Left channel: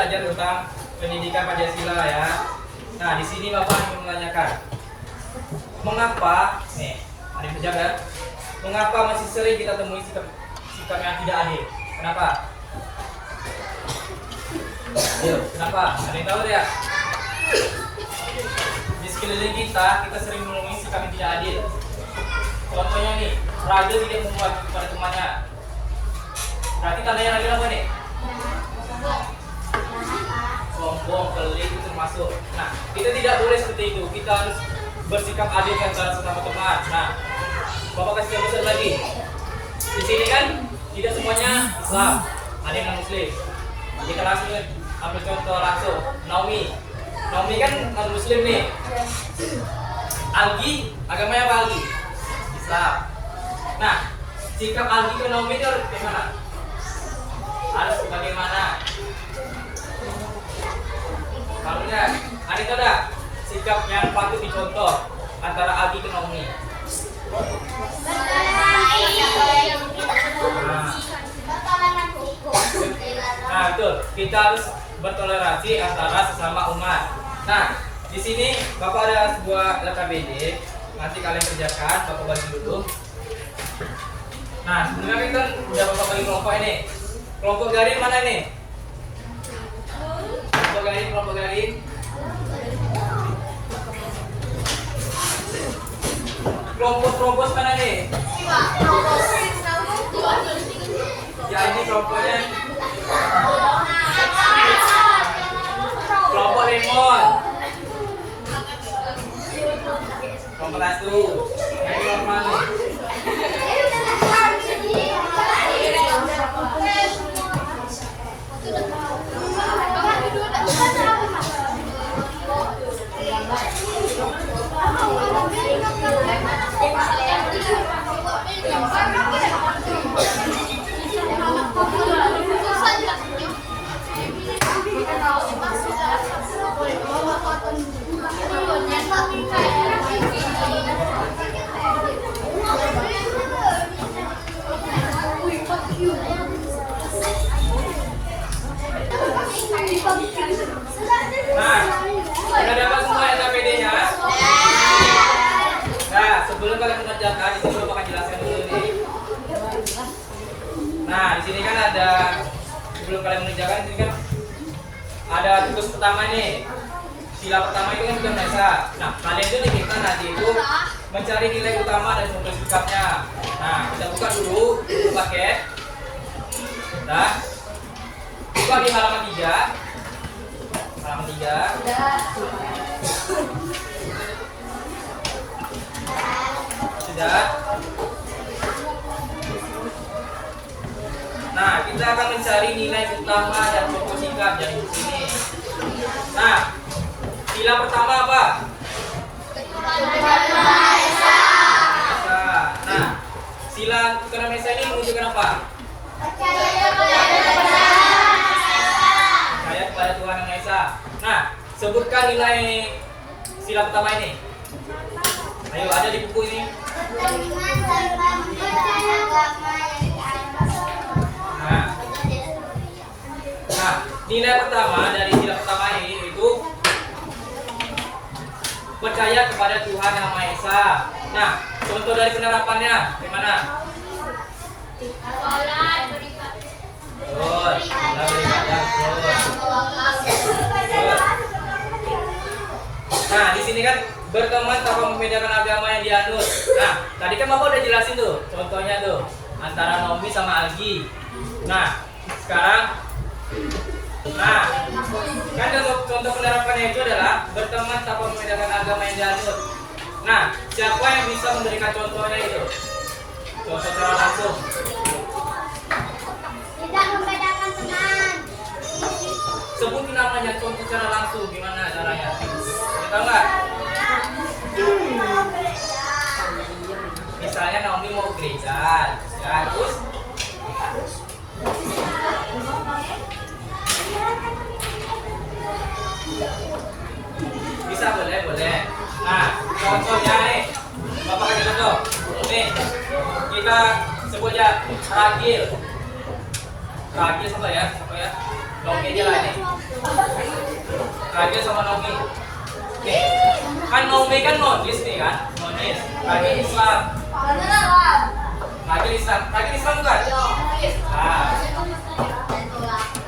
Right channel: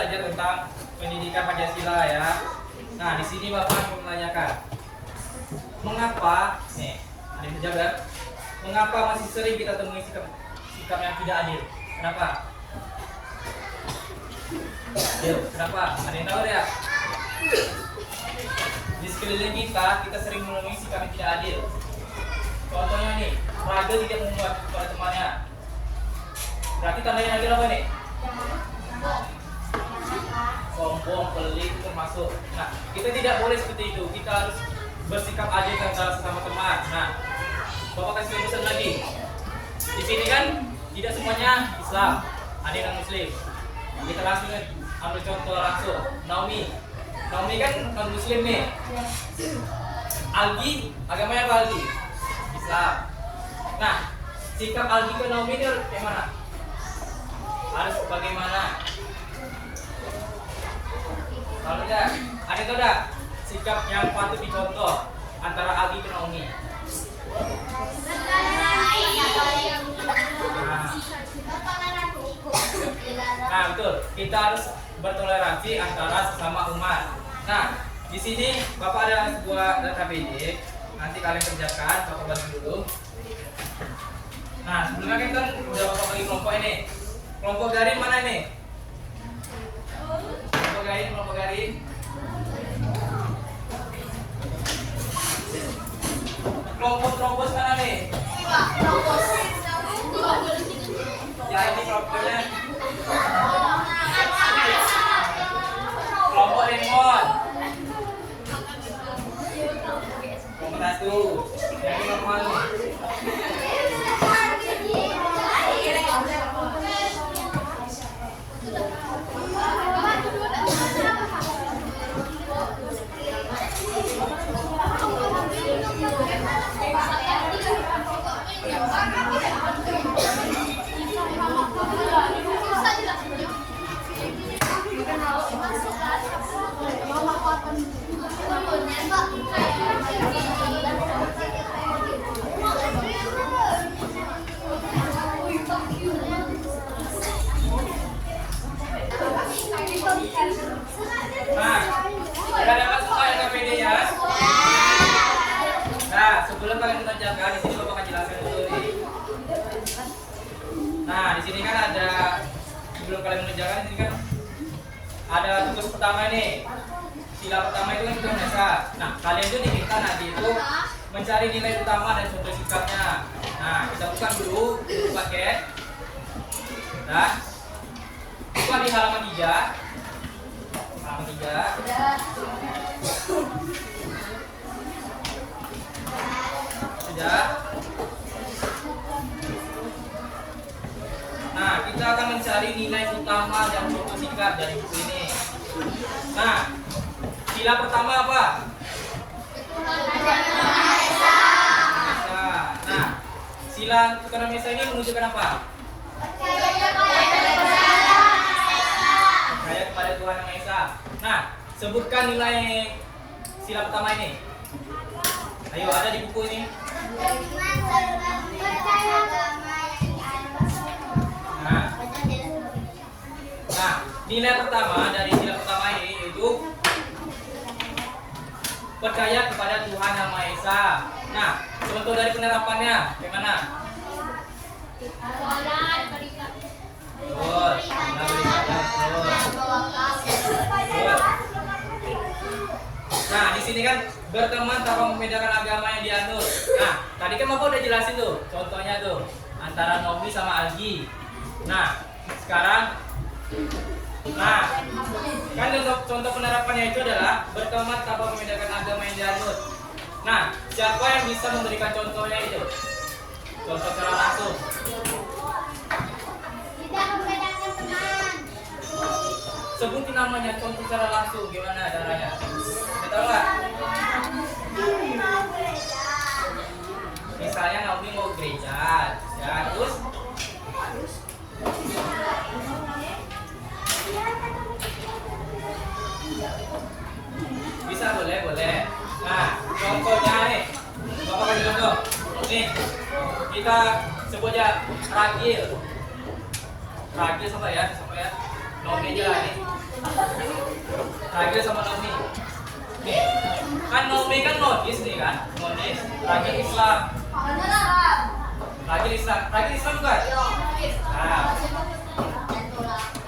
belajar tentang pendidikan Pancasila ya. Nah, di sini Bapak menanyakan, mengapa, ada yang menjawab ya? Mengapa masih sering kita temui sikap yang tidak adil? Kenapa? Ayo, kenapa? Ada yang tahu ya? Di sekeliling kita sering menemui sikap yang tidak adil. Contohnya nih, Ragil tidak memuat kepada temannya. Berarti tandanya Ragil apa nih? Sombong, pelit itu termasuk. Nah, kita tidak boleh seperti itu. Kita harus bersikap adil antara sesama teman. Nah, Bapak kasih pesan lagi. Di sini kan tidak semuanya Islam, ada yang Muslim. Kita langsung ambil contoh langsung. Naomi kan non Muslim nih. Algi, agamanya apa Algi? Islam. Nah, sikap Algi ke Naomi itu harus bagaimana? Harus bagaimana? Kalau tidak, ada sikap yang patut dicontoh antara Algi ke Naomi. Nah, betul. Kita harus bertoleransi antara sesama umat. Nah, di sini Bapak ada sebuah KBD. Nanti kalian kerjakan, Bapak bagi dulu. Nah, sebenarnya kan udah Bapak bagi kelompok ini. Kelompok Garin mana ini? Kelompok Garin. Kelompok Terobos mana nih? Ya, ini kelompoknya. Kelompok Lemon. Kelompok Satu. Yang normal nih. Nah, sudah dapat semua LKPD-nya? Nah, sebelum kalian mengerjakan, di sini Bapak akan jelaskan dulu nih. Nah, di sini kan ada, sebelum kalian mengerjakan, di sini kan ada tugas pertama nih. Sila pertama itu kan sudah biasa. Nah, kalian itu diminta nanti itu mencari nilai utama dan sumber sikapnya. Nah, kita buka dulu paket. Nah, buka di halaman 3. Halaman 3. Sudah. Nah, kita akan mencari nilai utama dan pokok sikap yang di sini. Nah, sila pertama apa? Nah, sila Tuhan Maha Esa ini menunjukkan apa? Percaya kepada Tuhan Yang Maha Esa. Nah, sebutkan nilai sila pertama ini. Ayo, ada di buku ini. Nah, nilai pertama dari sila pertama ini itu percaya kepada Tuhan Yang Maha Esa. Nah, contoh dari penerapannya gimana? Nah, di sini kan berteman tanpa membedakan agama yang dianut. Nah, tadi kan Bapak udah jelasin tuh, contohnya tuh antara Naomi sama Algi. Nah, sekarang kan contoh penerapannya itu adalah berteman tanpa membedakan agama yang dianut. Nah, siapa yang bisa memberikan contohnya itu? Contoh secara langsung. Tidak membedakan teman. Sebutin namanya, contoh secara langsung gimana caranya? Kita nggak? Misalnya Naomi mau ke gereja, ya terus bisa boleh. Nah, contohnya nih, Bapak kasih contoh. Nih, kita sebut aja Ragil. Ragil siapa ya? Nomi aja lah nih. Ragil sama Nomi. Nih, kan Nomi kan nonis nih kan, nonis. Ragil Islam. Ragil Islam bukan?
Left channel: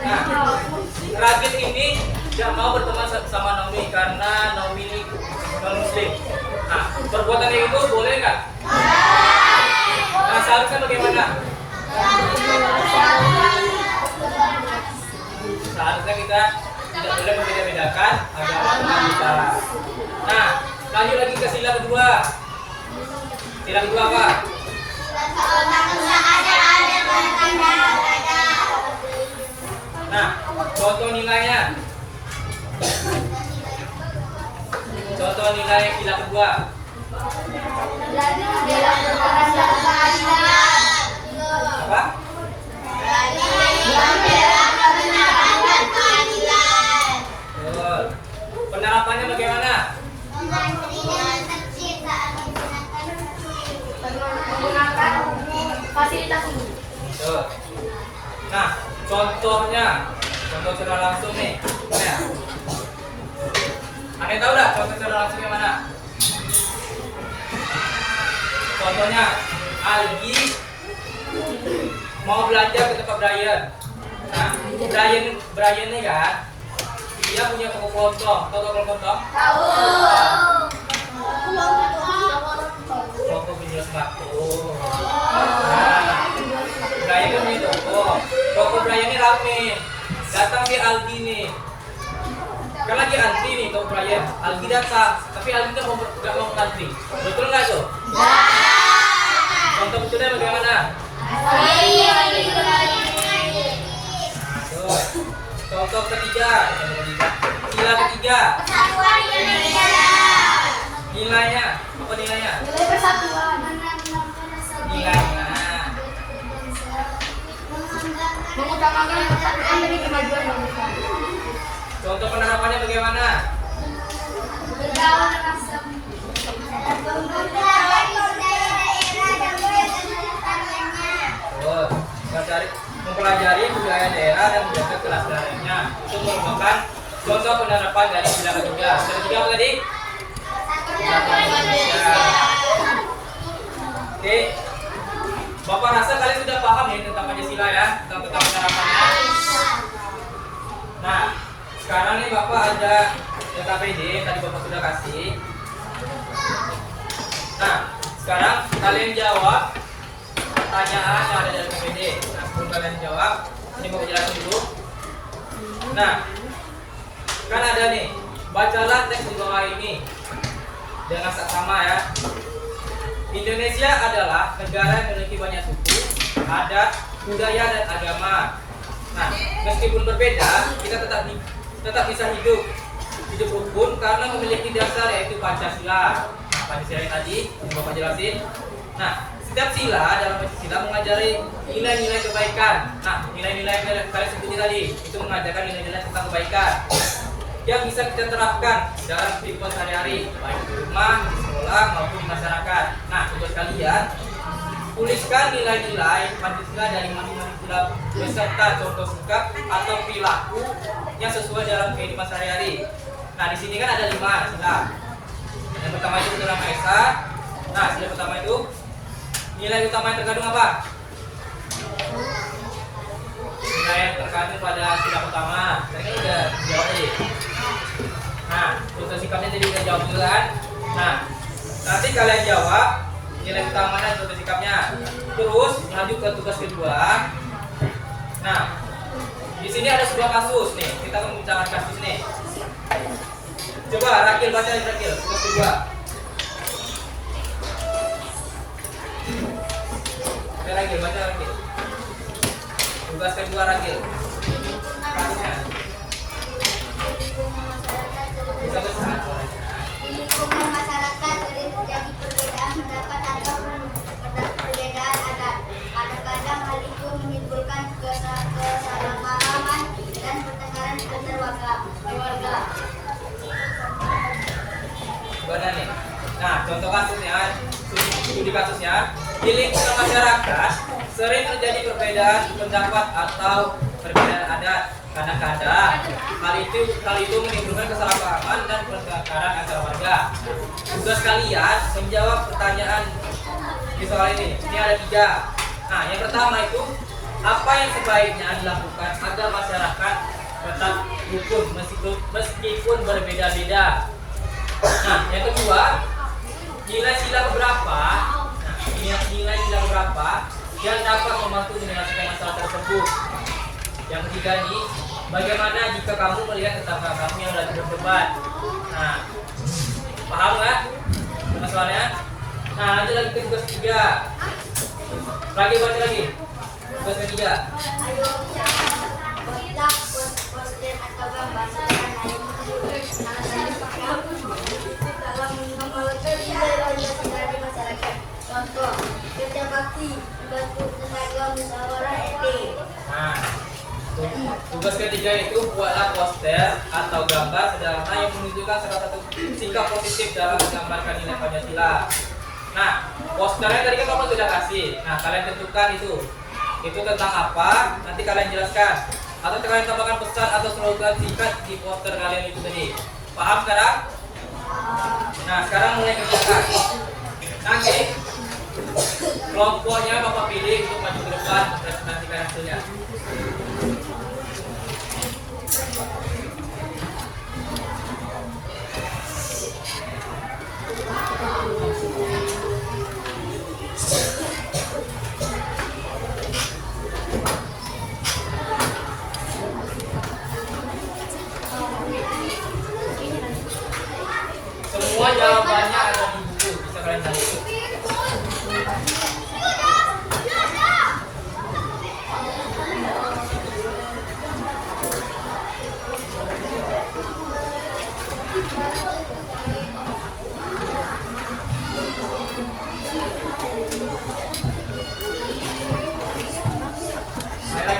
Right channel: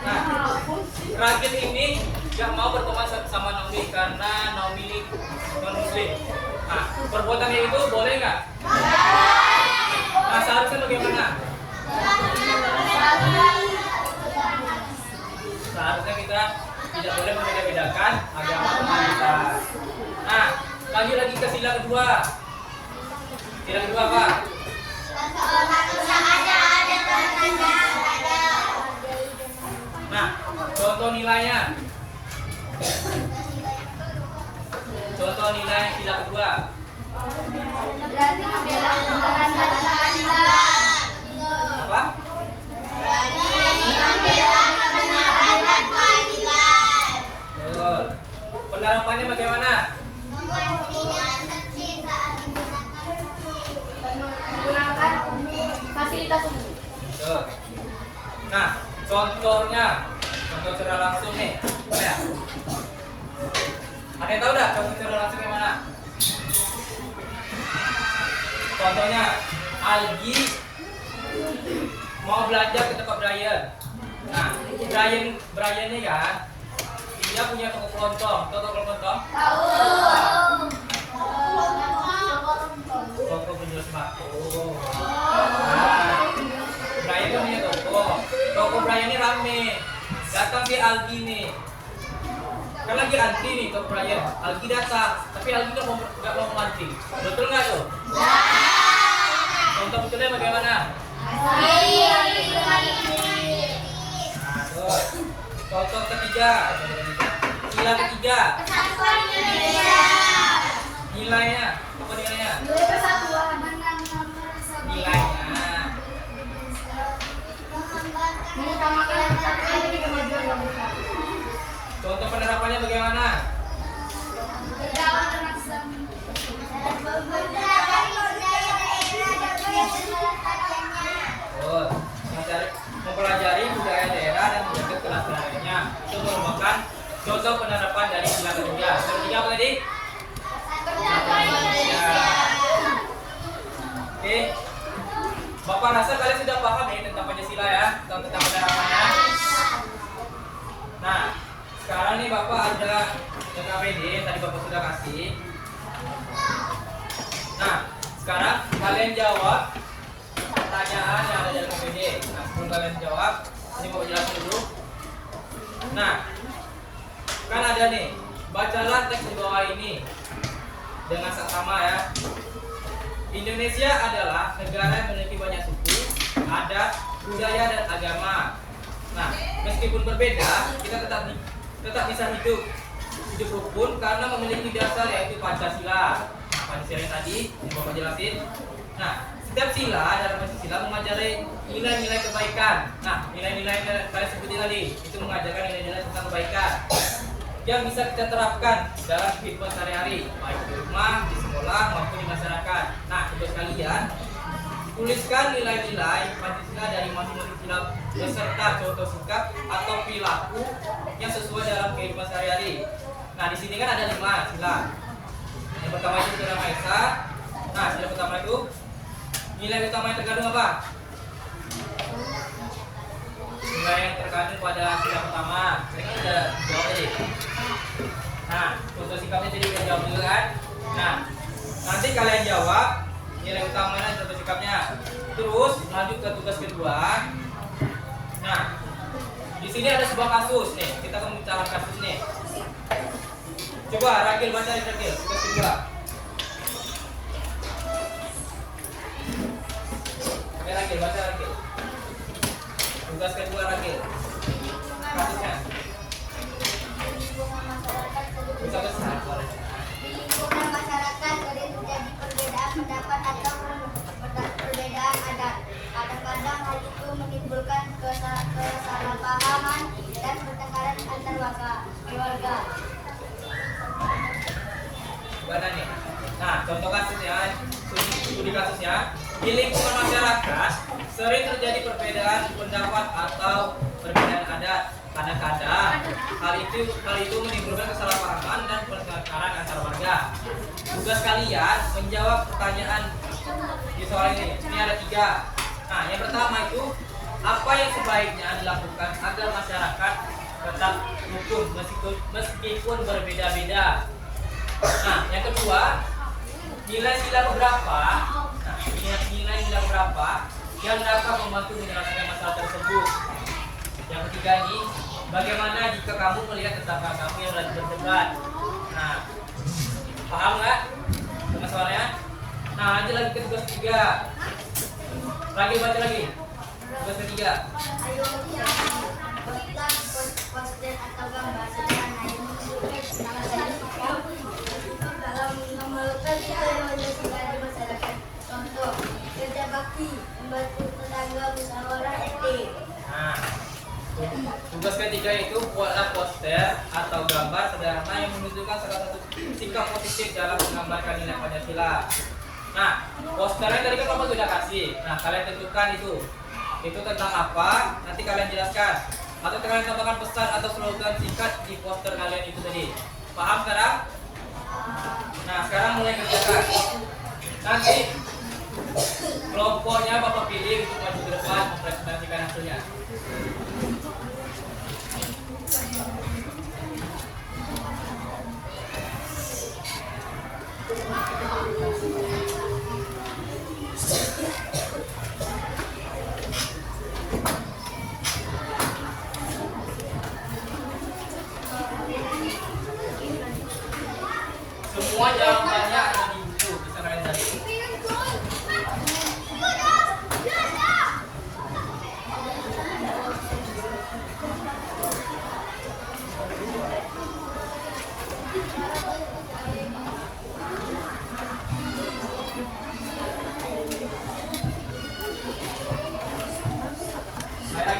Nah, Ragil ini gak mau berteman sama Nomi karena Nomi ini non Muslim. Nah, perbuatan yang itu boleh nggak? Nah, seharusnya bagaimana? Seharusnya kita tidak boleh membeda-bedakan agama kita. Nah, lanjut lagi ke sila kedua. Sila kedua apa? Nah, contoh nilainya. Contoh nilai sila kedua. Apa? Betul. Penerapannya bagaimana? Fasilitas umum. Betul. Nah, contohnya, contoh secara langsung nih. Ya. Aneh tahu dah contoh secara langsung yang mana? Contohnya, Algi mau belanja ke tempat Brian. Nah, Brian nih kan, dia punya toko kelontong. Tahu toko kelontong? Toko penjual sepatu. Nah, Brian kan punya toko. Toko Brian ini rame. Datang si Algi nih. Kan lagi antri nih toko Brian. Algi datang, tapi Algi nggak mau ngantri. Betul nggak tuh? Contoh betulnya bagaimana? Contoh ketiga, sila ketiga. Nilainya, apa nilainya? Nilai persatuan. Nilainya. Mengutamakan persatuan demi kemajuan bangsa. Contoh penerapannya bagaimana? Bergaul dengan semua. Oh, mempelajari budaya daerah dan menjaga kelestariannya. Itu merupakan contoh penerapan dari sila ketiga. Sila ketiga apa tadi? Oke, Bapak rasa kalian sudah paham nih tentang Pancasila ya, tentang penerapannya. Nah, sekarang nih Bapak ada KPD, tadi Bapak sudah kasih. Nah, sekarang kalian jawab pertanyaan yang ada dari KPD. Nah, sebelum kalian jawab, ini Bapak jelasin dulu. Nah, kan ada nih, bacalah teks di bawah ini dengan saksama ya. Indonesia adalah negara yang memiliki banyak suku, adat, budaya, dan agama. Nah, meskipun berbeda, kita tetap bisa hidup rukun karena memiliki dasar yaitu Pancasila. Nah, Pancasila yang tadi yang Bapak jelasin. Nah, setiap sila dalam Pancasila mengajari nilai-nilai kebaikan. Nah, nilai-nilai yang kalian sebutin tadi itu mengajarkan nilai-nilai tentang kebaikan yang bisa kita terapkan dalam kehidupan sehari-hari, baik di rumah, di sekolah maupun di masyarakat. Nah, tugas kalian tuliskan nilai-nilai Pancasila dari masing-masing sila beserta contoh sikap atau perilaku yang sesuai dalam kehidupan sehari-hari. Nah, di sini kan ada 5 sila. Yang pertama itu Tuhan Maha Esa. Nah, sila pertama itu nilai utama yang terkandung apa? Nilai yang terkandung pada sila pertama. Tadi kan udah jawab nih. Nah, contoh sikapnya jadi udah jawab kan? Nah, nanti kalian jawab nilai utama dan contoh sikapnya. Terus lanjut ke tugas kedua. Nah, di sini ada sebuah kasus nih. Kita akan membicarakan kasus nih. Coba Rakil baca Rakil tugas kedua. Rakil baca Rakil. Tugas kedua Rakil. Kasusnya. Bisa besar suaranya. Di lingkungan masyarakat sering terjadi perbedaan pendapat atau perbedaan adat. Kadang-kadang hal itu menimbulkan kesalahpahaman dan pertengkaran antar warga. Gimana nih? Nah, contoh kasusnya, studi kasusnya, di lingkungan masyarakat sering terjadi perbedaan pendapat atau perbedaan adat. Kadang-kadang hal itu menimbulkan kesalahpahaman dan pertengkaran antar warga. Tugas kalian menjawab pertanyaan di soal ini. Ini ada 3. Nah, yang pertama itu apa yang sebaiknya dilakukan agar masyarakat tetap rukun meskipun berbeda-beda. Nah, yang kedua, nilai sila berapa? Nah, nilai sila berapa yang dapat membantu menyelesaikan masalah tersebut. Yang ketiga nih, bagaimana jika kamu melihat tetangga kamu yang lagi berdebat? Nah, paham nggak masalahnya? Nah, lanjut lagi ke tugas 3. Lagi baca lagi. Tugas ketiga. Ayo letak poster atau gambar sederhana yang dalam mengembangkan ideologi dari masyarakat. Contoh, kerja bakti, membantu tetangga, musyawarah etik. Nah, tugas ketiga itu buatlah poster atau gambar sederhana yang menunjukkan salah satu sikap positif dalam menggambarkan nilai Pancasila. Nah, posternya tadi kan kamu sudah kasih. Nah, kalian tentukan itu tentang apa? Nanti kalian jelaskan. Atau kalian tambahkan pesan atau slogan singkat di poster kalian itu tadi. Paham sekarang? Nah, sekarang mulai kerjakan. Nanti kelompoknya Bapak pilih untuk maju ke depan mempresentasikan hasilnya. Semua jawabannya ada di buku, bisa kalian cari.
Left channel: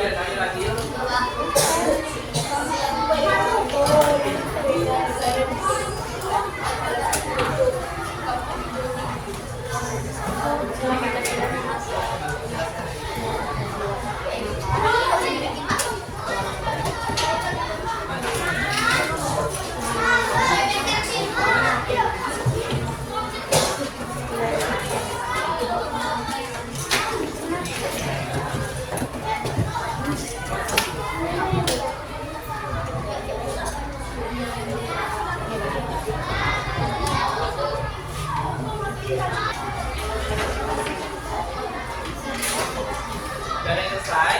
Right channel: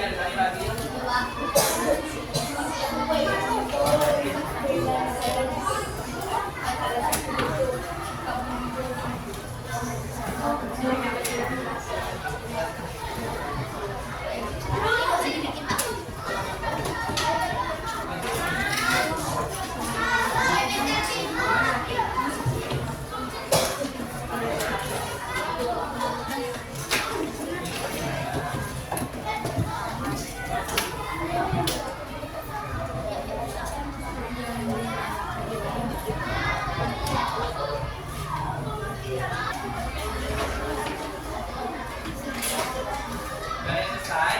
Cari lagi. Dari selesai.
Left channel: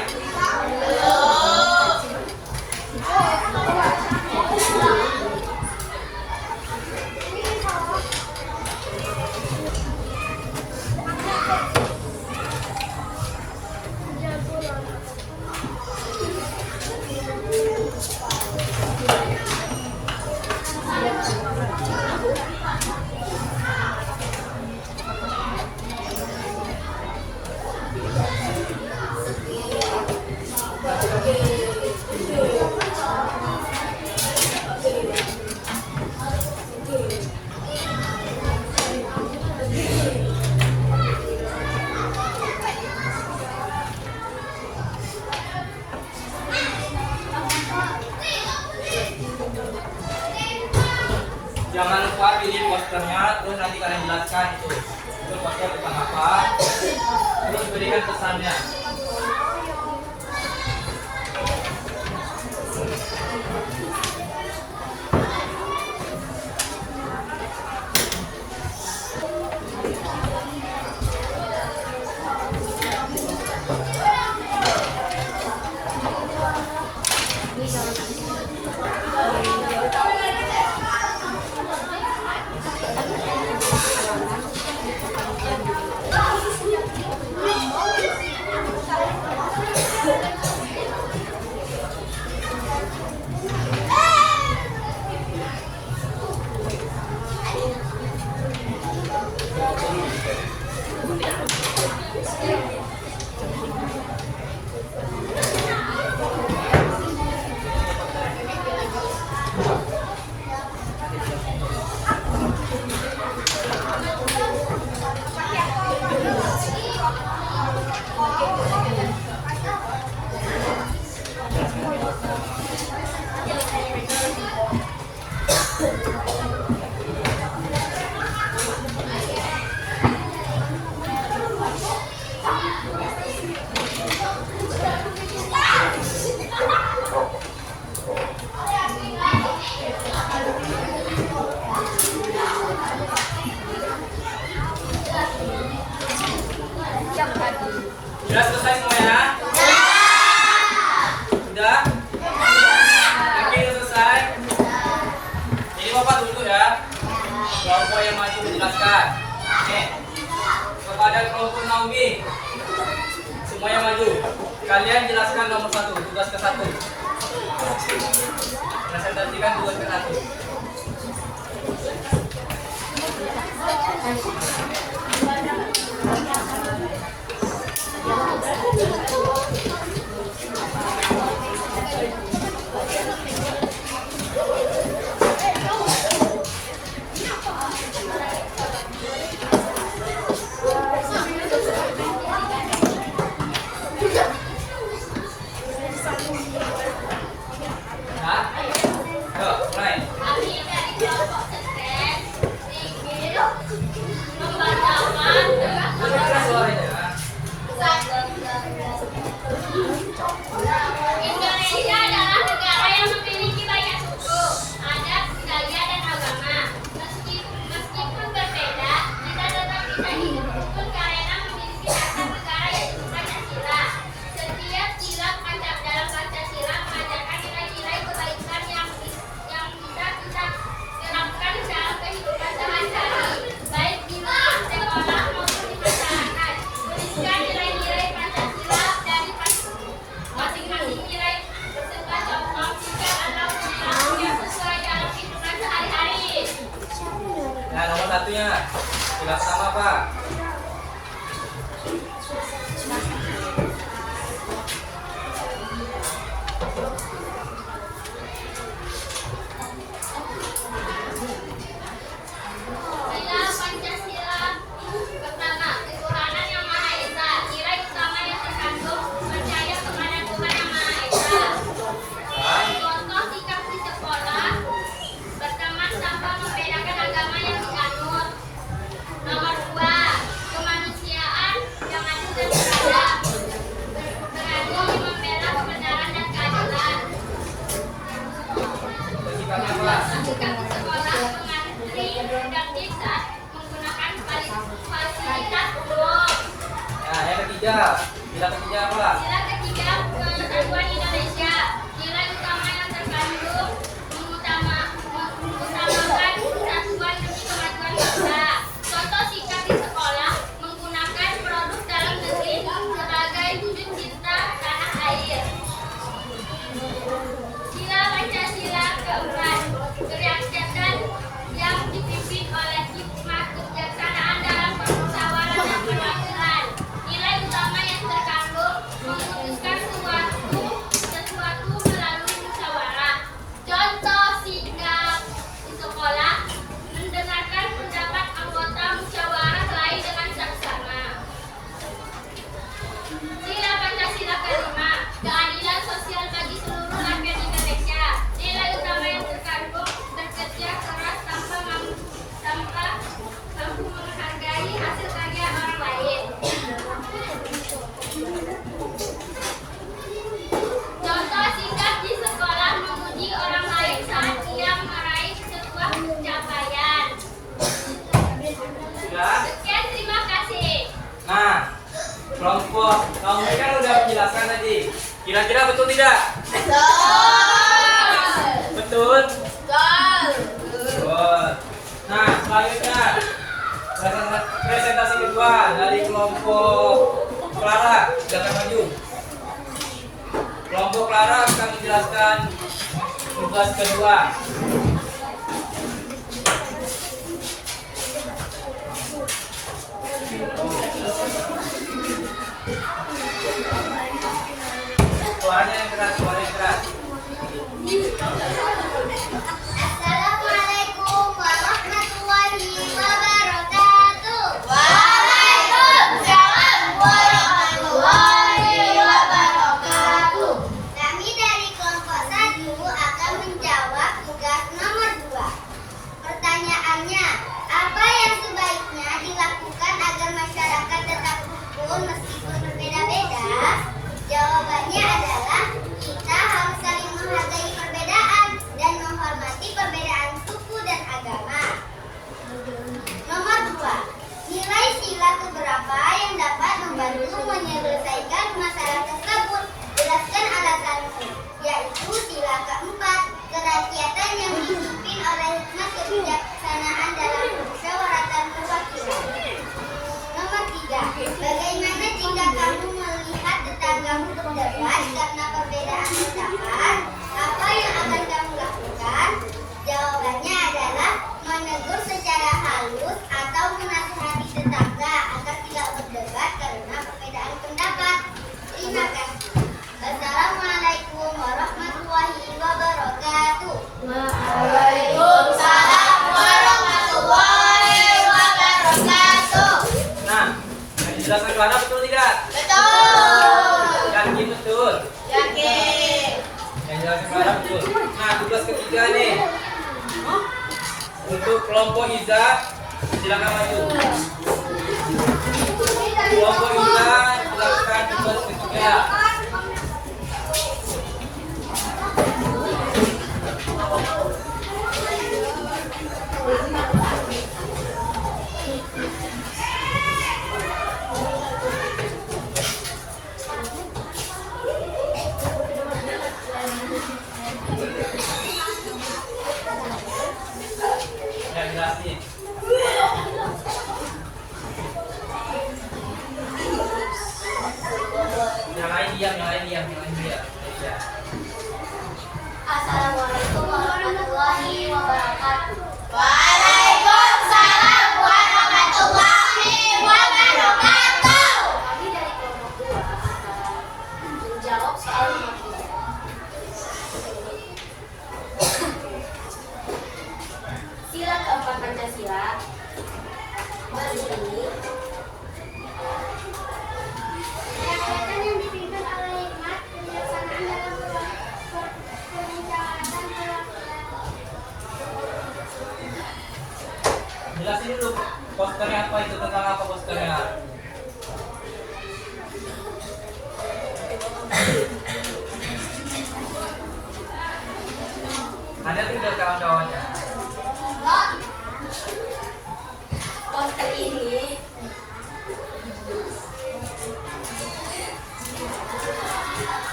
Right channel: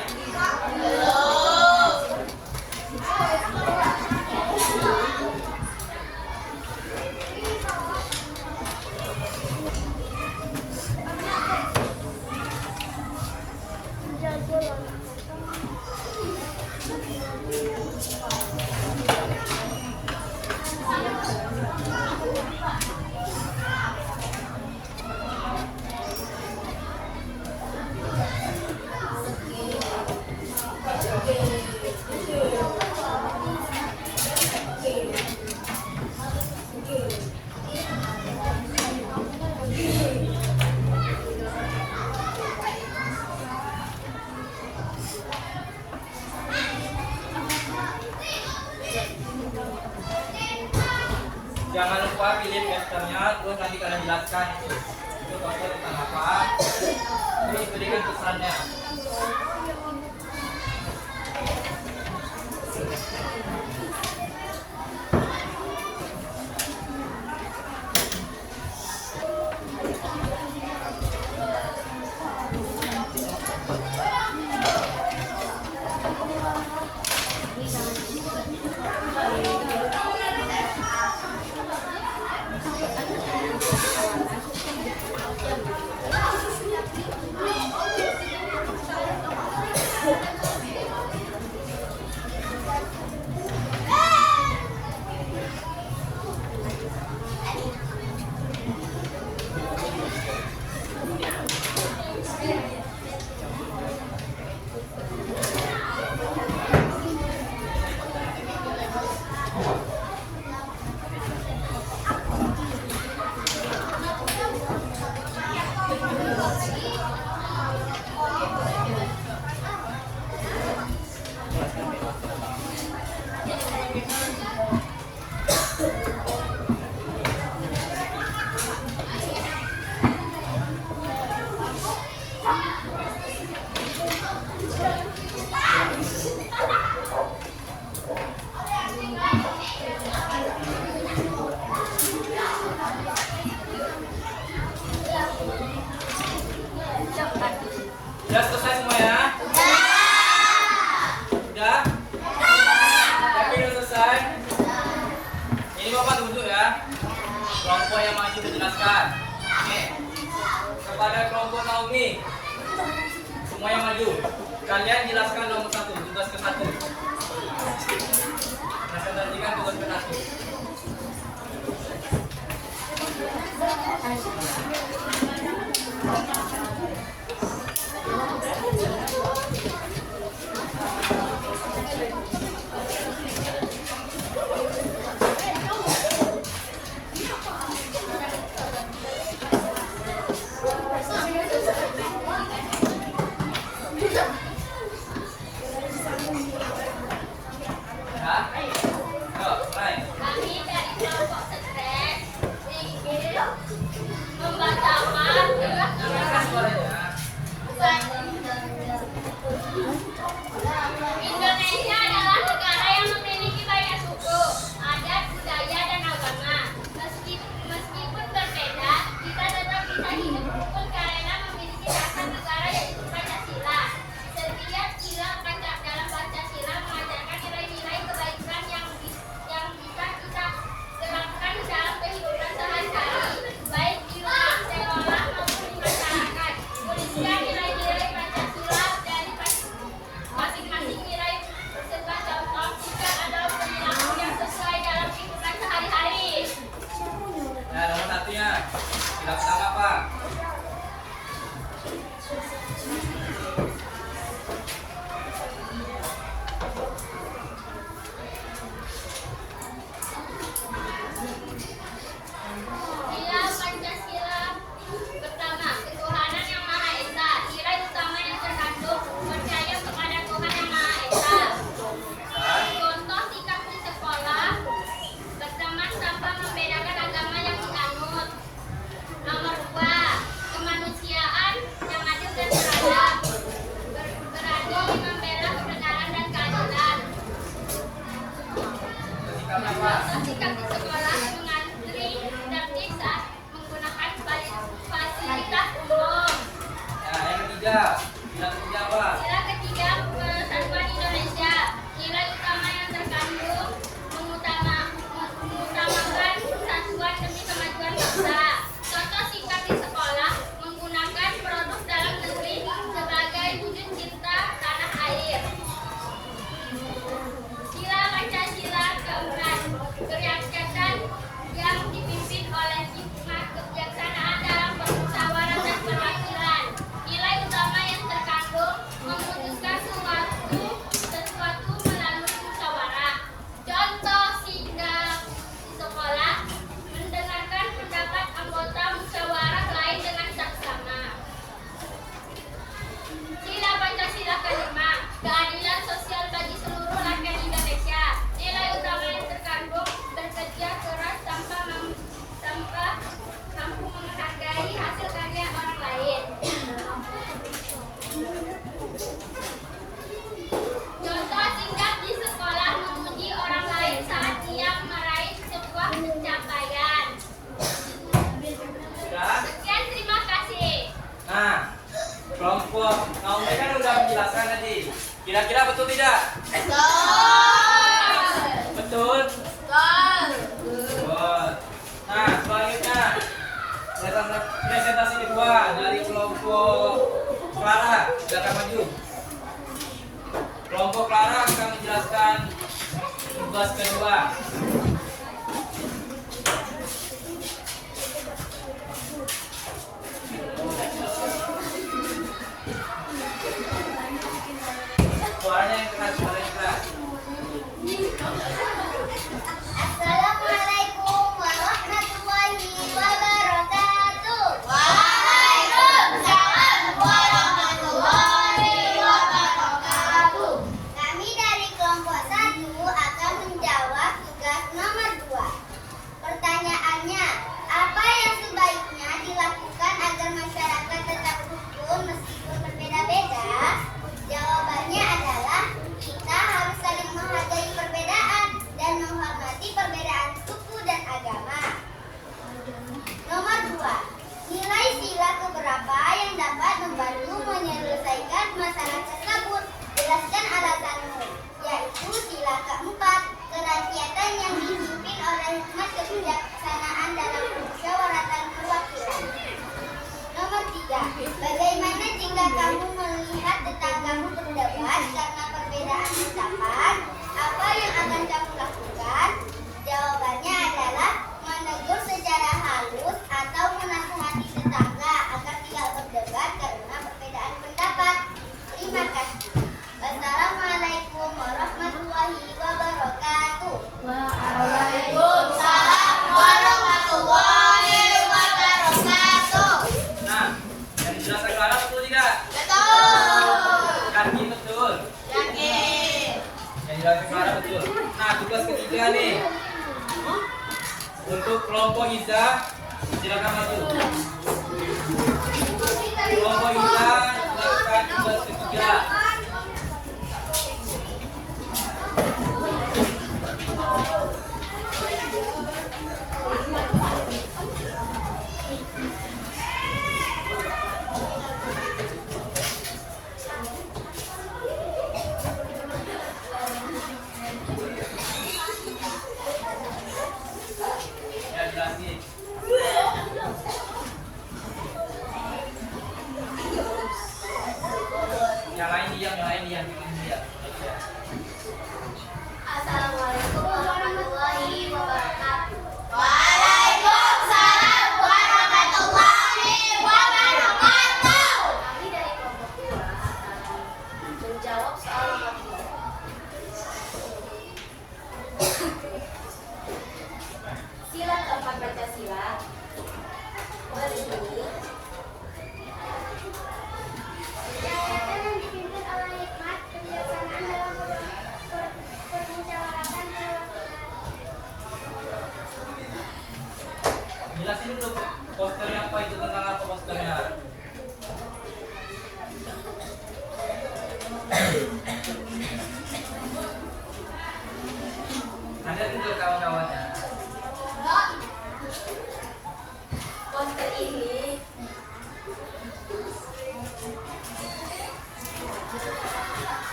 Jangan lupa pilih posternya, terus nanti kalian jelaskan itu poster tentang apa, terus berikan pesannya. Sudah selesai semua ya? Sudah? Yakin udah selesai? Ini Bapak duduk ya. Kelompok yang maju menjelaskan. Nih, kepada kelompok Naomi, semua yang maju. Kalian jelaskan nomor 1, tugas ke 1. Presentasikan tugas ke 1. Ya? Yuk, mulai. Kami dari kelompok stres ingin membacakan Sudah keras suaranya. Indonesia adalah negara yang memiliki banyak suku, adat, budaya, dan agama. Meskipun berbeda, kita tetap bisa hidup rukun karena memiliki dasar negara yaitu Pancasila. Setiap sila dalam Pancasila mengajarkan nilai-nilai kebaikan yang bisa kita terapkan dalam kehidupan sehari-hari, baik di rumah, sekolah, maupun di masyarakat. Tuliskan nilai-nilai Pancasila dari masing-masing nilai beserta contoh jika ada perilaku yang sesuai dalam kehidupan sehari-hari. Ya, nomor 1-nya. Tugas pertama apa? Sila Pancasila pertama, ketuhanan yang Maha Esa. Nilai utama yang terkandung percaya kepada Tuhan yang Maha Esa. Contoh sikap di sekolah, berteman tanpa membedakan agama yang dianut. Nomor 2, kemanusiaan yang adil dan beradab. Berani membela kebenaran dan keadilan. Sikapnya apa? Sikap di sekolah mengantri produktif saat menggunakan fasilitas umum. Nah, yang ketiga. Sila ketiga apa? Sila ketiga, persatuan Indonesia. Nilai utama yang terkandung mengutamakan persatuan demi kemajuan bangsa. Contoh sikap di sekolah menggunakan produk dalam negeri sebagai wujud cinta tanah air. Sila Pancasila keempat, kerakyatan yang dipimpin oleh hikmat kebijaksanaan dalam permusyawaratan dan perwakilan. Nilai utama yang terkandung memutuskan sesuatu melalui musyawarah. Contoh sikap di sekolah mendengarkan pendapat anggota musyawarah lain dengan saksama. Sila Pancasila kelima, keadilan sosial bagi seluruh rakyat Indonesia. Nilai utama yang terkandung bekerja keras tanpa mampu menghargai hasil karya orang lain. Contoh sikap di sekolah memuji orang lain saat ia meraih sebuah pencapaian. Sudah? Sekian, terima kasih. Nah, kelompok Naomi kan udah menjelaskan tadi. Kira-kira betul tidak? Betul? Betul. Nah, selanjutnya presentasi kedua dari kelompok Clara. Silakan maju. Kelompok Clara akan menjelaskan tugas kedua. Suaranya yang keras, suara yang keras. Assalamualaikum warahmatullahi wabarakatuh. Waalaikumsalam warahmatullahi wabarakatuh. Kami dari kelompok 1 akan menjawab tugas ketiga nih. Untuk kelompok Iza, silakan maju. Kelompok Iza, silakan tugas ketiga. Ya, jelasin. Yang lain diam, yang lain diam, yang lain diam. Ya. Assalamualaikum warahmatullahi wabarakatuh. Waalaikumsalam warahmatullahi wabarakatuh. Kami dari kelompok 2 akan menjawab soal nomor 3. Sila keempat Pancasila berbunyi kegiatan yang dipimpin oleh hikmat kebijaksanaan dalam permusyawaratan perwakilan. Jelasin dulu posternya apa itu, tentang apa posternya? Ada tidak kawan-kawannya? Poster ini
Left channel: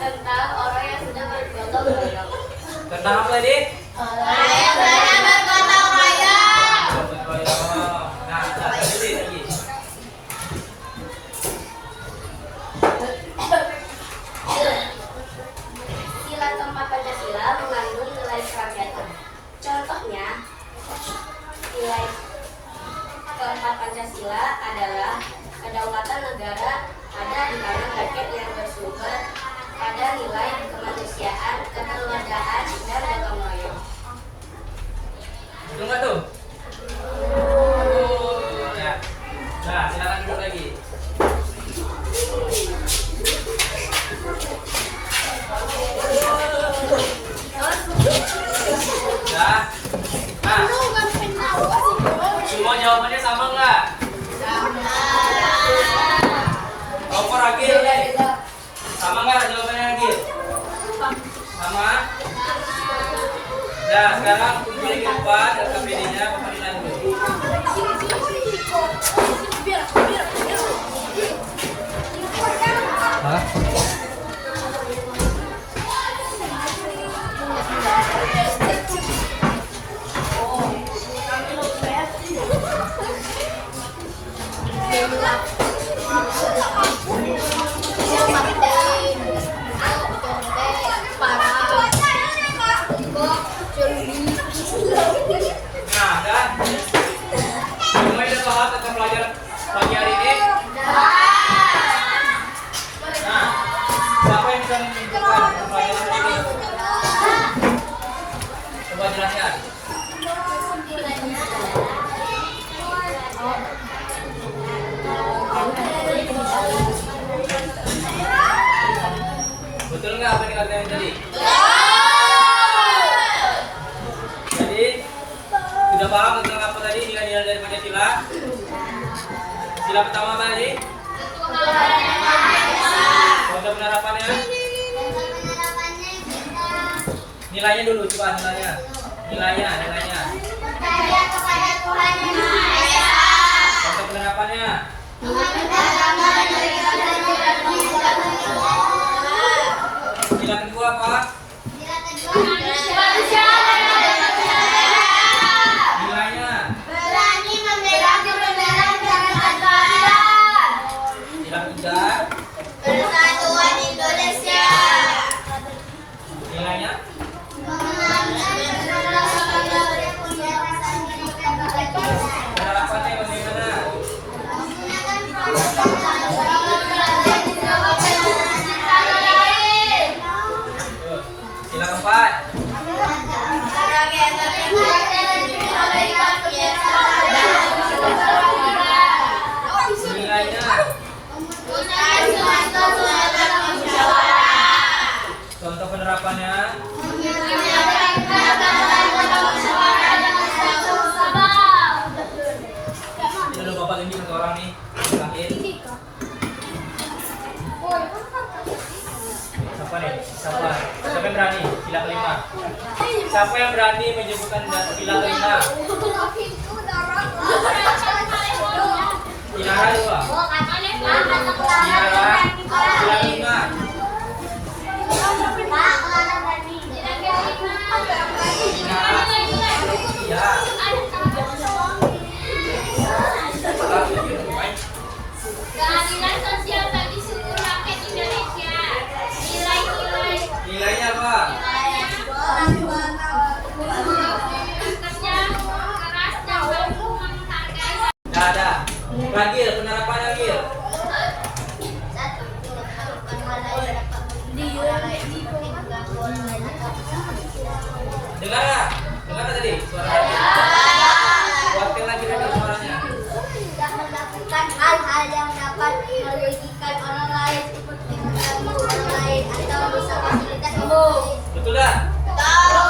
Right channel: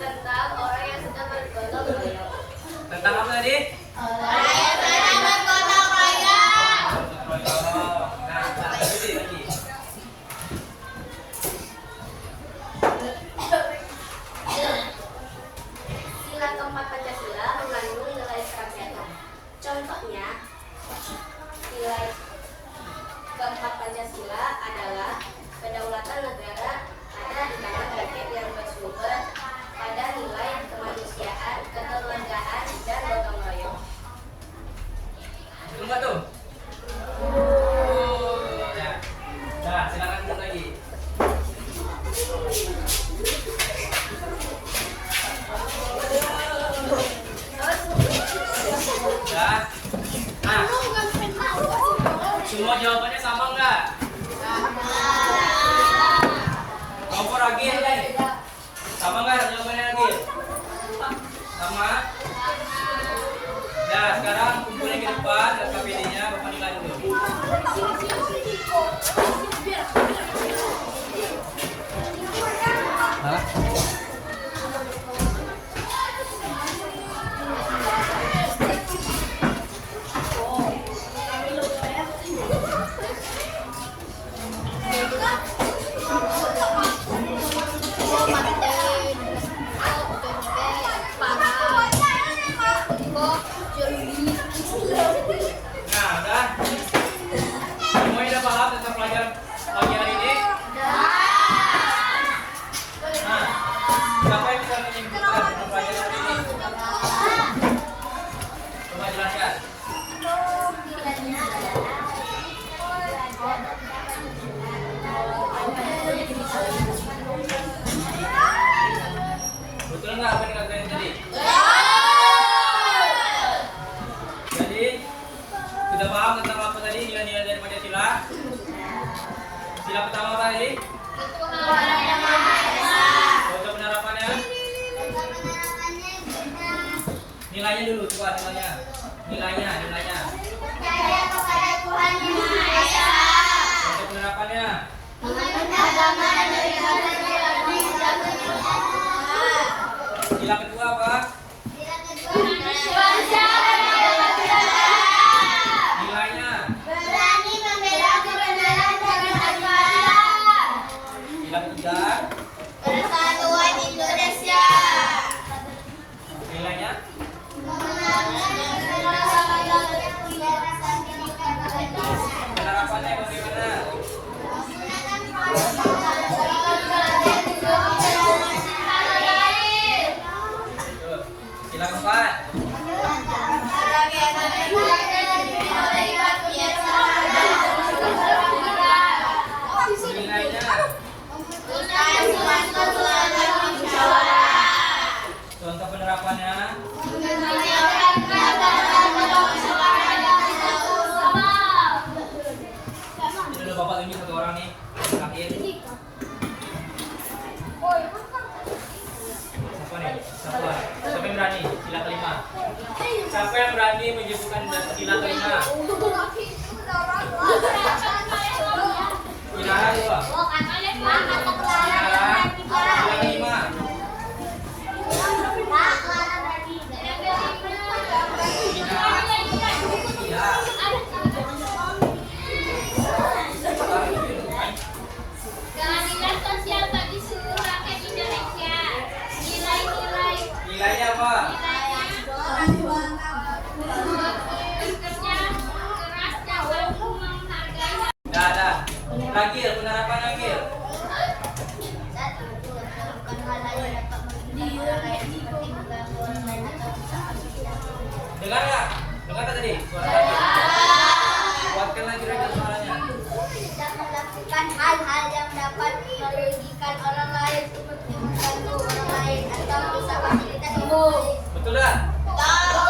tentang orang yang sedang bergotong-royong. Tentang apa tadi? Orang yang bergotong-royong. Gotong-royong. Nah, tadi lagi. Sila keempat Pancasila mengandung nilai kerakyatan. Contohnya, nilai keempat Pancasila adalah kedaulatan negara ada di tangan rakyat yang bersumber pada nilai kemanusiaan, kekeluargaan, dan gotong royong. Betul nggak tuh? Ya. Nah, silakan dulu lagi. Ya. Nah, semua jawabannya sama nggak? Kompor Agil, sama nggak jawabannya Agil? Sama? Ya, sekarang kumpulin di depan LKPD-nya, Bapak nilai dulu. Hah? Nah, kan? Semuanya udah paham tentang pelajaran pagi hari ini? Nah, siapa yang bisa menyimpulkan tentang pelajaran hari ini? Coba jelaskan. Betul nggak apa yang dikatakan tadi? Jadi, sudah paham tentang apa tadi nilai-nilai dari Pancasila? Sila pertama apa tadi? Semoga penerapannya. Nilainya dulu, coba nilainya. Nilainya. Percaya kepada Tuhan Yang Maha Esa. Semoga penerapannya. Agama dari Sila kedua apa? Nilainya. berani membela kebenaran dan keadilan. Sila ketiga. Persatuan Indonesia. Nilainya. Penerapannya bagaimana? Sila keempat. Nilainya. Contoh penerapannya. penerapannya. Ini dulu Bapak tunjuk ke orang nih. Terakhir. Siapa nih? Siapa? Siapa yang berani? Sila kelima. Siapa yang berani menyebutkan sila kelima? Inara dua. Inara. Sila kelima. Iya. Keadilan sosial bagi seluruh rakyat Indonesia. Nilai-nilai Nilainya apa? kerja keras dan mampu menghargai. Dah ada. Lagi penerapannya Gil. Satu, menentukan hal lain dapat merugikan orang lain seperti mengganggu orang lain atau usaha tidak. Dengar nggak? Dengar nggak tadi suaranya? Kuatkan lagi suaranya. Tidak melakukan hal-hal yang dapat merugikan orang lain seperti mengganggu orang lain atau merusak fasilitas umum. Betul dah? Tahu.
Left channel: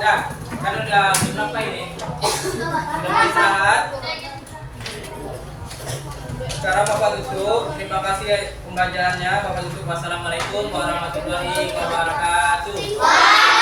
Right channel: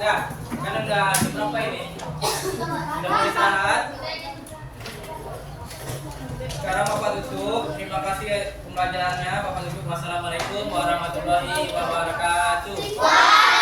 Dah, kan udah jam berapa ini? Udah istirahat. Sekarang Bapak tutup. Terima kasih pembelajarannya. Bapak tutup. Wassalamualaikum warahmatullahi wabarakatuh.